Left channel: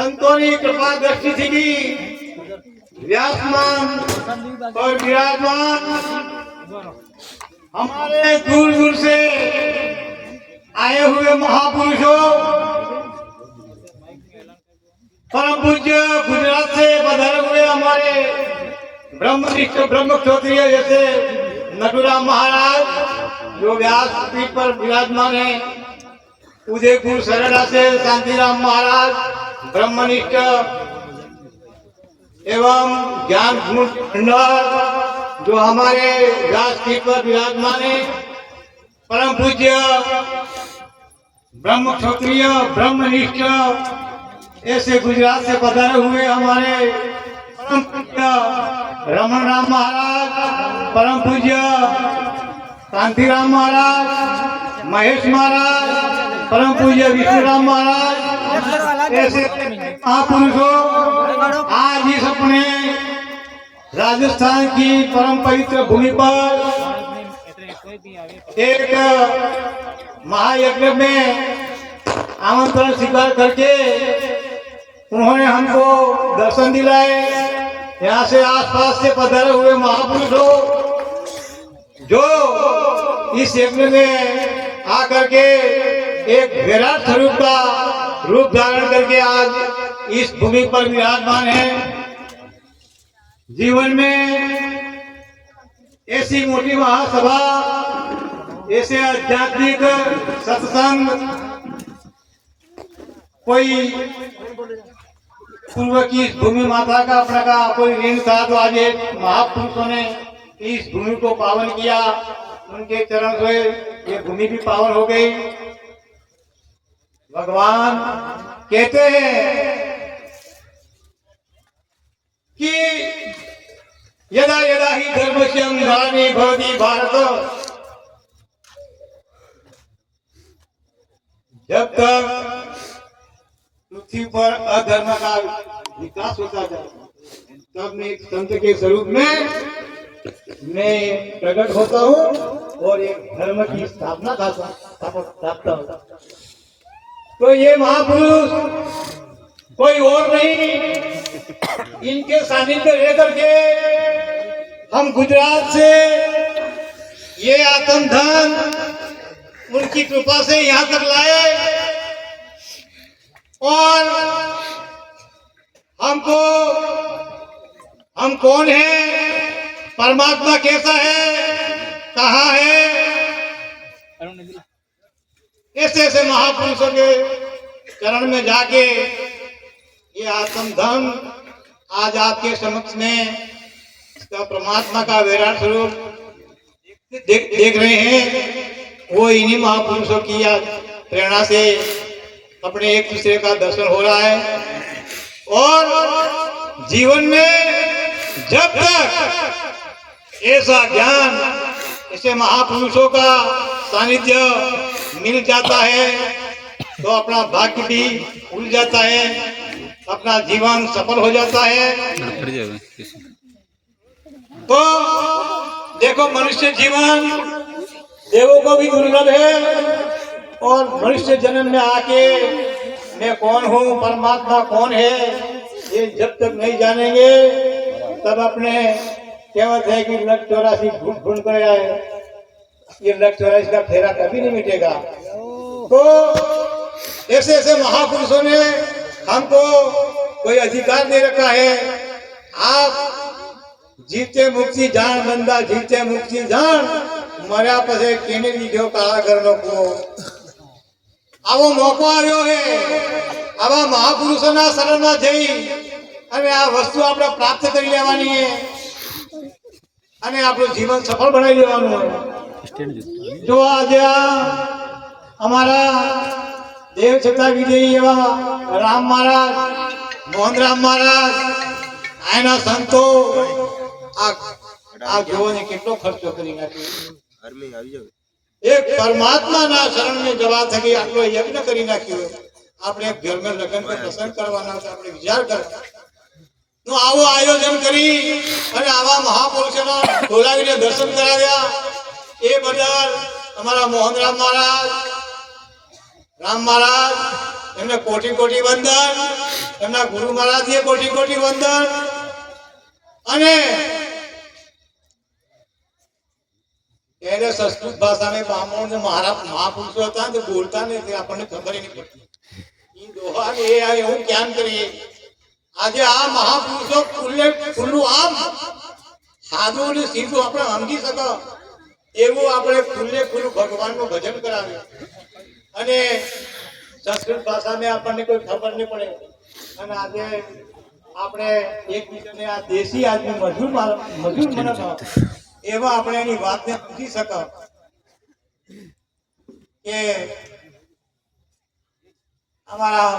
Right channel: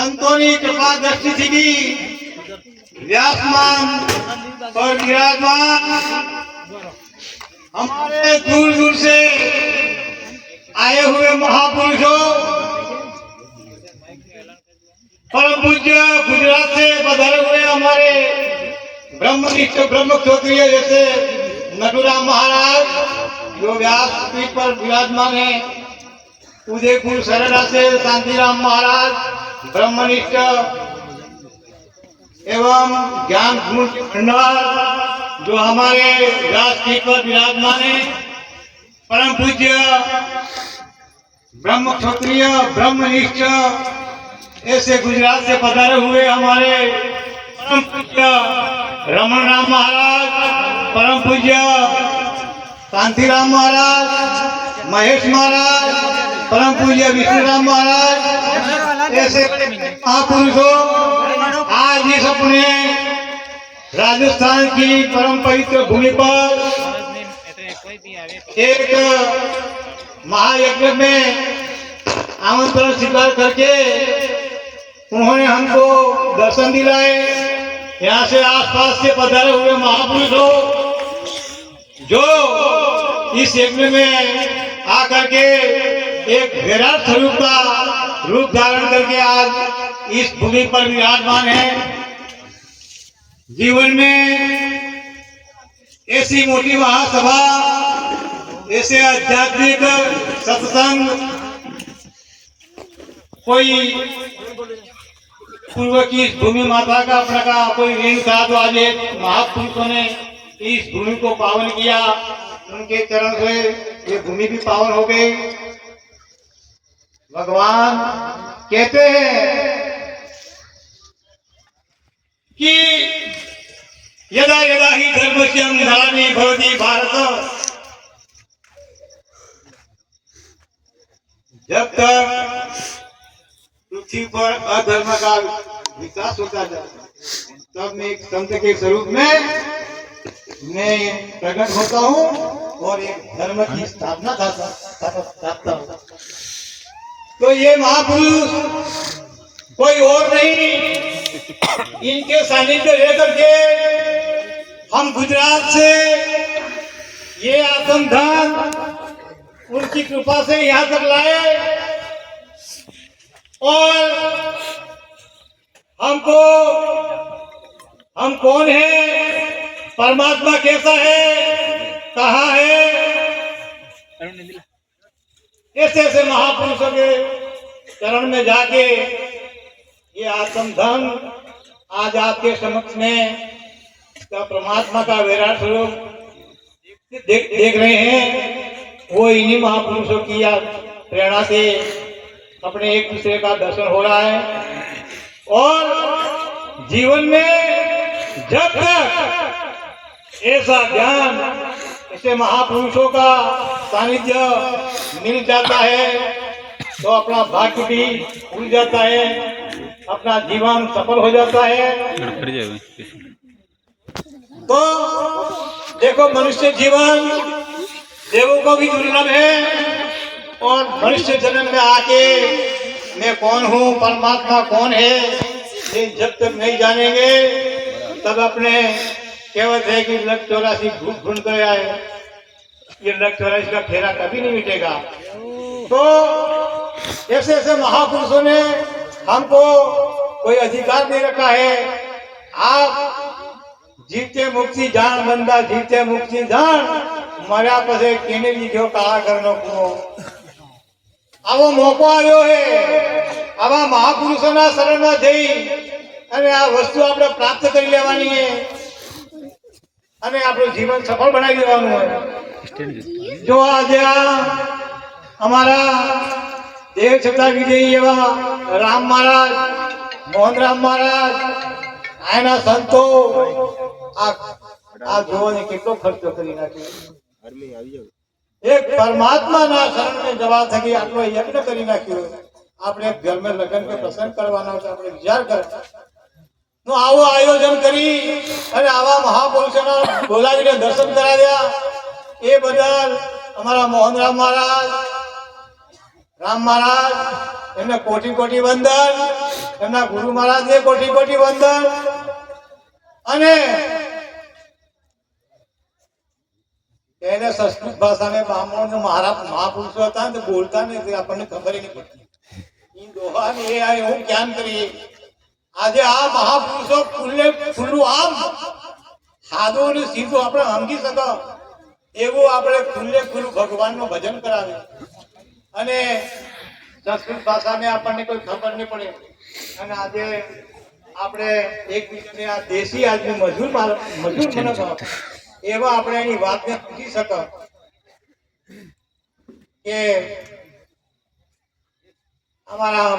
संतों की कृपा दृष्टि थी व्यासमान और विराजमान हमारे दूर दूर से आए हुए महापुरुषों, परम पूज्य गुजरात से पधारे हुए हमारे ब्रह्मनिष्ठ ब्रह्म क्षत्रिय जैसे नटुराम महाराज जो व्यास पीठ पर विराजमान है, उदयपुर सरला से शांतिराम महाराज ब्रह्मनिष्ठ एवं ज्ञान भंडार जो हमारे व्यास पीठ पर विराजमान है, परम पूज्य ब्रह्म क्षत्रिय ब्रह्मनिष्ठ ऐसे गुजरात से पधारे हुए हमारे परम पूज्य रमन राम महाराज, परम पूज्य शांतिराम महाराज, महेश महाराज, परम पूज्य विष्णुराम महाराज, ऐसे महापुरुषों आज इस अपने राजस्थान की परम पवित्र भूमि पर एक महायज्ञ में आमंत्रण स्वीकार करके उन्होंने हमको दर्शन दिलाए। यहाँ से आसपास से पधारे हुए महापुरुषों जो इस यज्ञ में आकर के एक विराट स्वरूप का रूप धारण करके आज इस भूमि पर विराजमान है। जीवन में ऐसी मोटी महासभा, ऐसे आध्यात्मिक सत्संग कोई पूर्व की भूमि माता का अपना का कोई ऋण था, तो आज महापुरुषों ने इस भूमि को पावन किया। उनके चरण से ये भूमि भी पावन हो गई। भगवान कहते हैं कि यदा यदा ही धर्मस्य ग्लानि भवति भारत, जब तक पृथ्वी पर अधर्म का विकास होता जाता तब मैं एक संत के स्वरूप में मैं प्रकट होता हूँ और एक धर्म की स्थापना करता हूँ। तो ये महापुरुष कोई और नहीं, इनके सानिध्य लेकर के हम गुजरात से ये आत्म धन उनकी कृपा से यहाँ तक लाए और हमको हम कौन है, परमात्मा कैसा है, कहाँ है, ऐसे ऐसे महापुरुषों के चरण में जाके ये आत्म धन आज आपके समक्ष में इसका परमात्मा का विराट स्वरूप देख रहे हैं। वो इन्हीं महापुरुषों की प्रेरणा से अपने एक दूसरे का दर्शन हो रहा है। और जीवन में जब तक ऐसा ज्ञान, ऐसे महापुरुषों का सानिध्य मिल जाता है तो अपना भाग्य भी खुल जाता है, अपना जीवन सफल हो जाता है। तो देखो, मनुष्य जीवन देवों को भी दुर्लभ है और मनुष्य जन्म में आके मैं कौन हूँ, परमात्मा कौन है, ये जब तक नहीं जानेंगे तब अपने कहवत है कि लख 84 ढूंढ कर आए, ये लख 84 का फेरा कभी नहीं मिटेगा। तो ऐसे ऐसे महापुरुषों ने हमको कोई अधिकार दे रखा है, आप जीते मुक्ति जान बंदा, जीते मुक्ति जान, मर्या पछे केने લીધો કાળા ઘરનો કૂવો। આવો મોકો આવ્યો છે, આવા મહાપુરુષોના શરણમાં જઈ અને આ વસ્તુ આપણે પ્રાપ્ત કરી લેવાની છે અને આપણું જીવન સફળ બનાવી દેવાનું છે। જો આજે અમારા દેવ છતાં વિજયી એવા રામ મહારાજ, મોહનરામ મહારાજ, આના સંતો આ જોને કેટલો ખર્ચો કરી નાખ્યો। एक परमात्मा ना शरण में जवा थकी आटलो यज्ञ करी नाख्यो। आपणे घर में लगन के प्रसंग करवाना छे, आपणे विचार कर तो आवो आयोजन करी अने आवा महापुरुषोना बोलावीने दर्शन कराव्या। ए बदल अमारा मोहनराम महाराज, राम महाराज एमने कोटी कोटी वंदन। એમના ગુરુ મહારાજને કોટી કોટી વંદન. અને એને સંસ્કૃત ભાષામાં બ્રાહ્મણ મહાપુરુષો હતા ને બોલતા ને તે આપણને ખબર નહીં પડતી. એ દોહા ને એ એવું જ્ઞાન કરીએ. આજે આ મહાપુરુષો ખુલ્લું આમ સાદું ને સીધું આપણે સમજી શકો એવું આપણે ખુલ્લું ભગવાનનું ભજન કરાવે. અને સંસ્કૃત ભાષાને આપણને કોઈ ખબર નહીં પડે. અને આજે આપણે એકબીજાને આ દેશી આજની મજૂર મનતો એવા આપણે એની વાતને સમજી શકો કે અમારા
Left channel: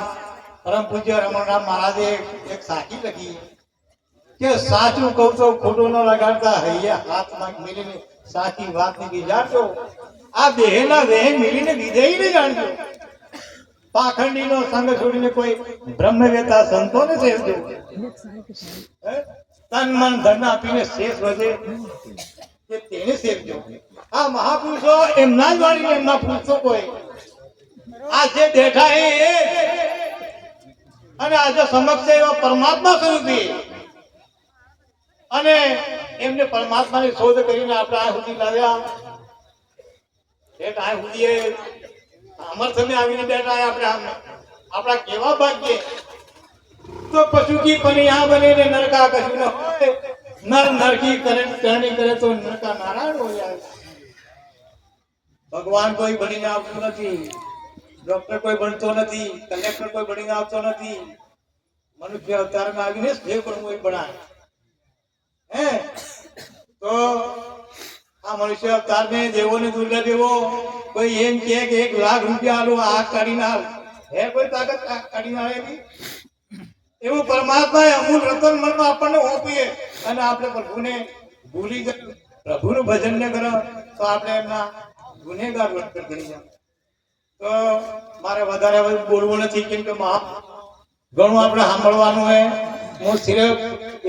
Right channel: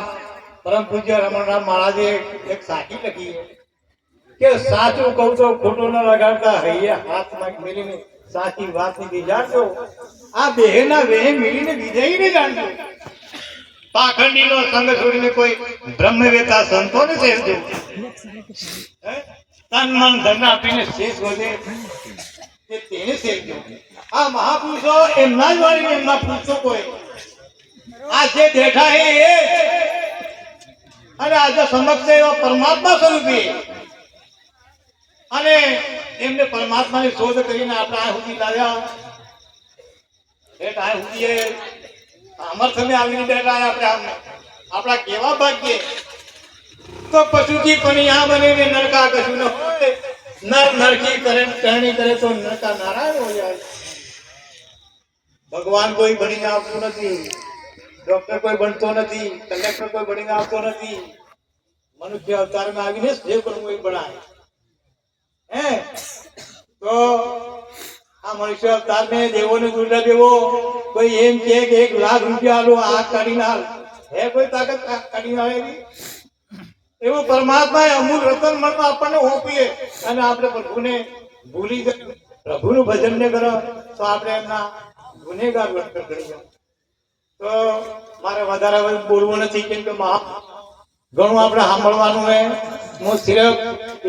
પરમ પૂજ્ય રમણરામ મહારાજે એક સાખી લખી કે સાચું કહું તો ખોટું ન લગાડતા હૈયા હાથમાં મેલીને સાચી વાતની વિચારજો. આ દેહના વેહ મેલીને વિજયીને જાણજો. પાખંડીનો સંગ છોડીને કોઈ બ્રહ્મવેતા સંતોને સેવજો. તન મન ધન આપીને શેષ વધે તેને સેવજો. આ મહાપુરુષો એમના જ વાળી એમના પુરુષો કોઈ આ જે દેખા એ અને આજે સમક્ષ એવા પરમાત્મા સ્વરૂપી અને એમને પરમાત્માની શોધ કરીને આપણે આ સુધી લાવ્યા. આ સુધી સામર્થ્યને આવીને બેઠા આપણે આપણા કેવા ભાગ્ય. તો પશુથી પણ આ બને ને નરકા કશું ન હોય. નર નરકી કરે કરણી કરે તો નરકા નારાયણ હોય. ભગવાન કોઈ બનીને આવતું નથી, ડોક્ટર કોઈ બનતો નથી, કલેક્ટર કોઈ બનીને આવતો નથી. મનુષ્ય અવતારમાં આવીને જે બનવું એ બનાય. હે તો આ મનુષ્ય અવતાર ને દેવો ને દુર્લભ એવો કોઈ એમ કે 1 લાખ રૂપિયા આલો આ કાઢીને હાલ હે કોઈ તાકાત કાઢીને આવેલી. એવું પરમાત્માએ અમૂલ રતન મનમાં આપણને ઓપીએ અને આપણે પ્રભુને ભૂલી ગયા, પ્રભુનું ભજન ને કરો તો આપણે એમના ગુનેગાર વર્તન કરી જાય. તો મારે વધારે બોલવું નથી કેમ કે ઘણું આપણે સાંભળવાનું હોય. હું સિર્ફ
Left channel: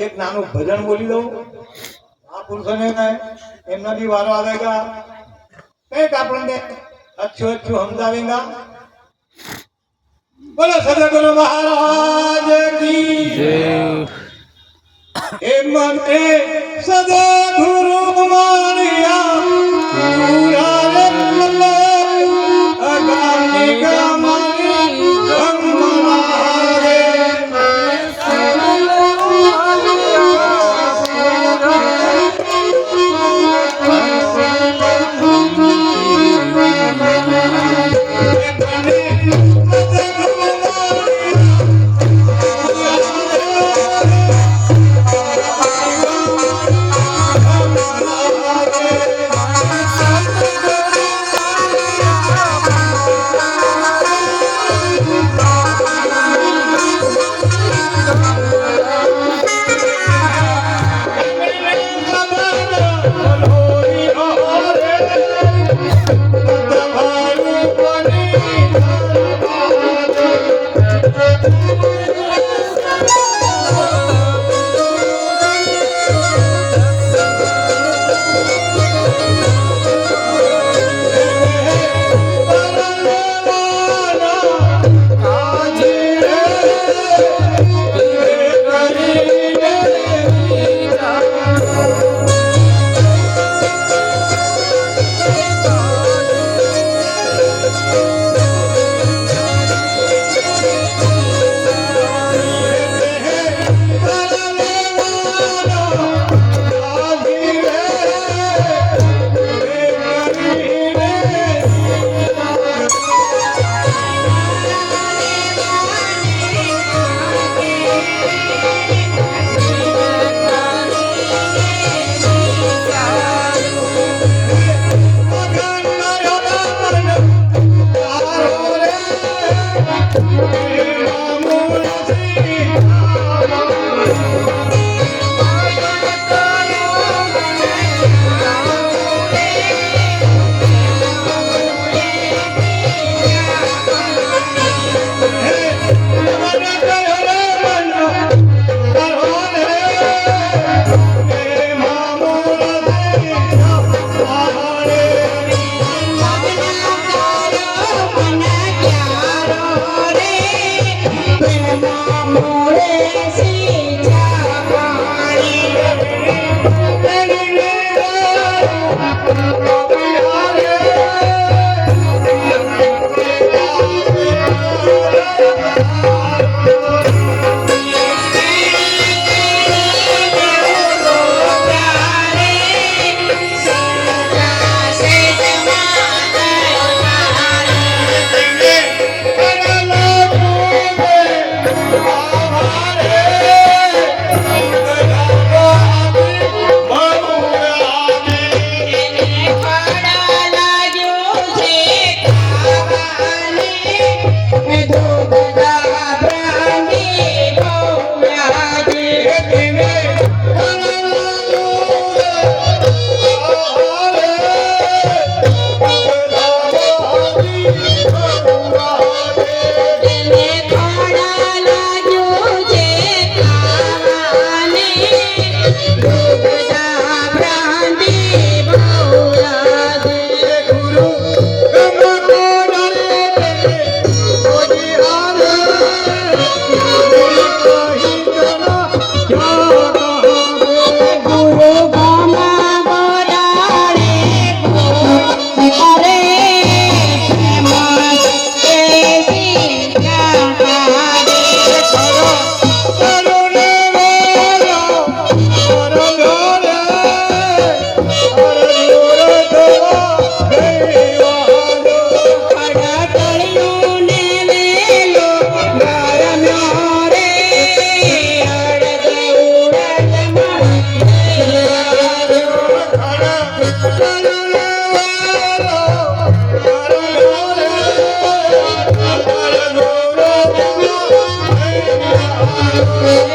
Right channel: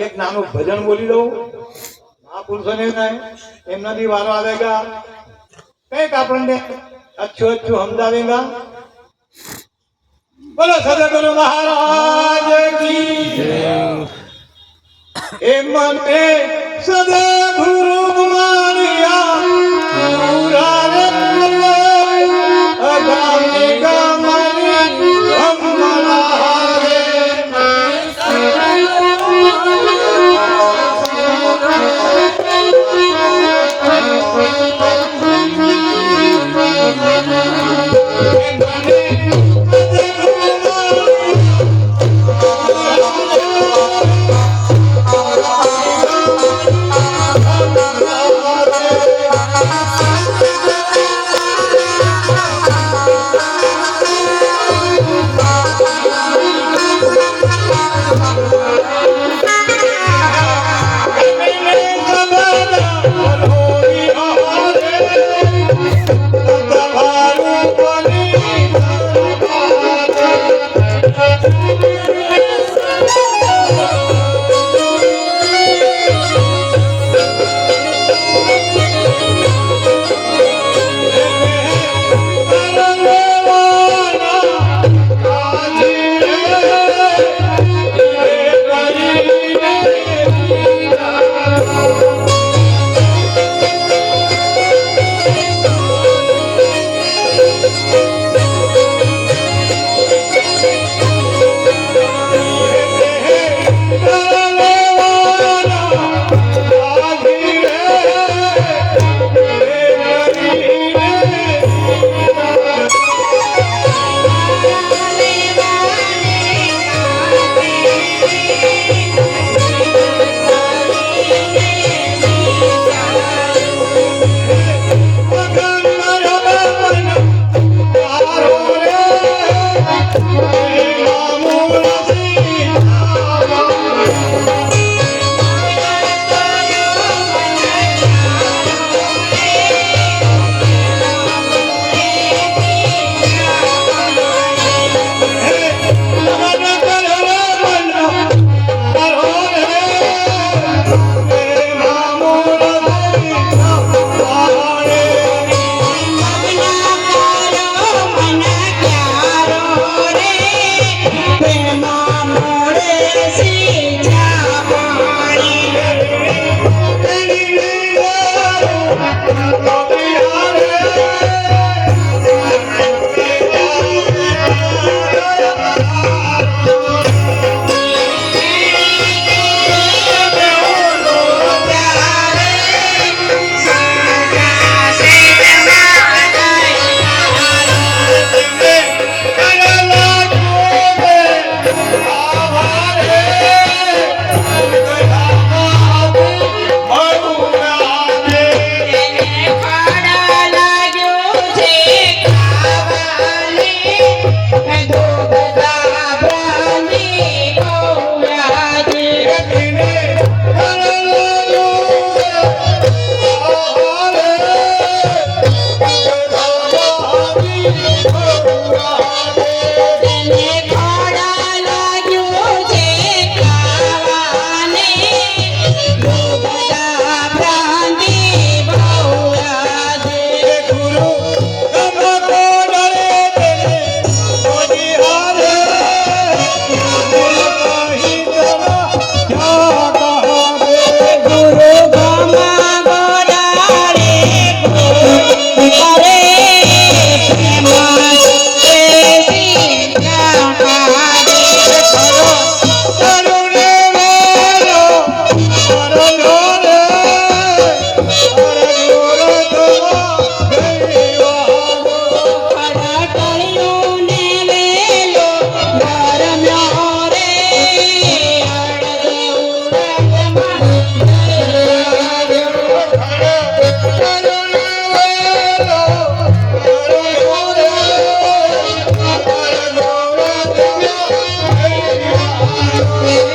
એક નાનું ભજન બોલી દઉં. મહાપુરુષોને એમનાથી વારો આવેગા કંઈક આપણને અચ્છું સમજાવેગા. બોલો સદગુરુ મહારાજ કી જય. એ મને સદગુરુ મારિયા પૂરા રે અગાને ગામરે ગમરા રે Thank you.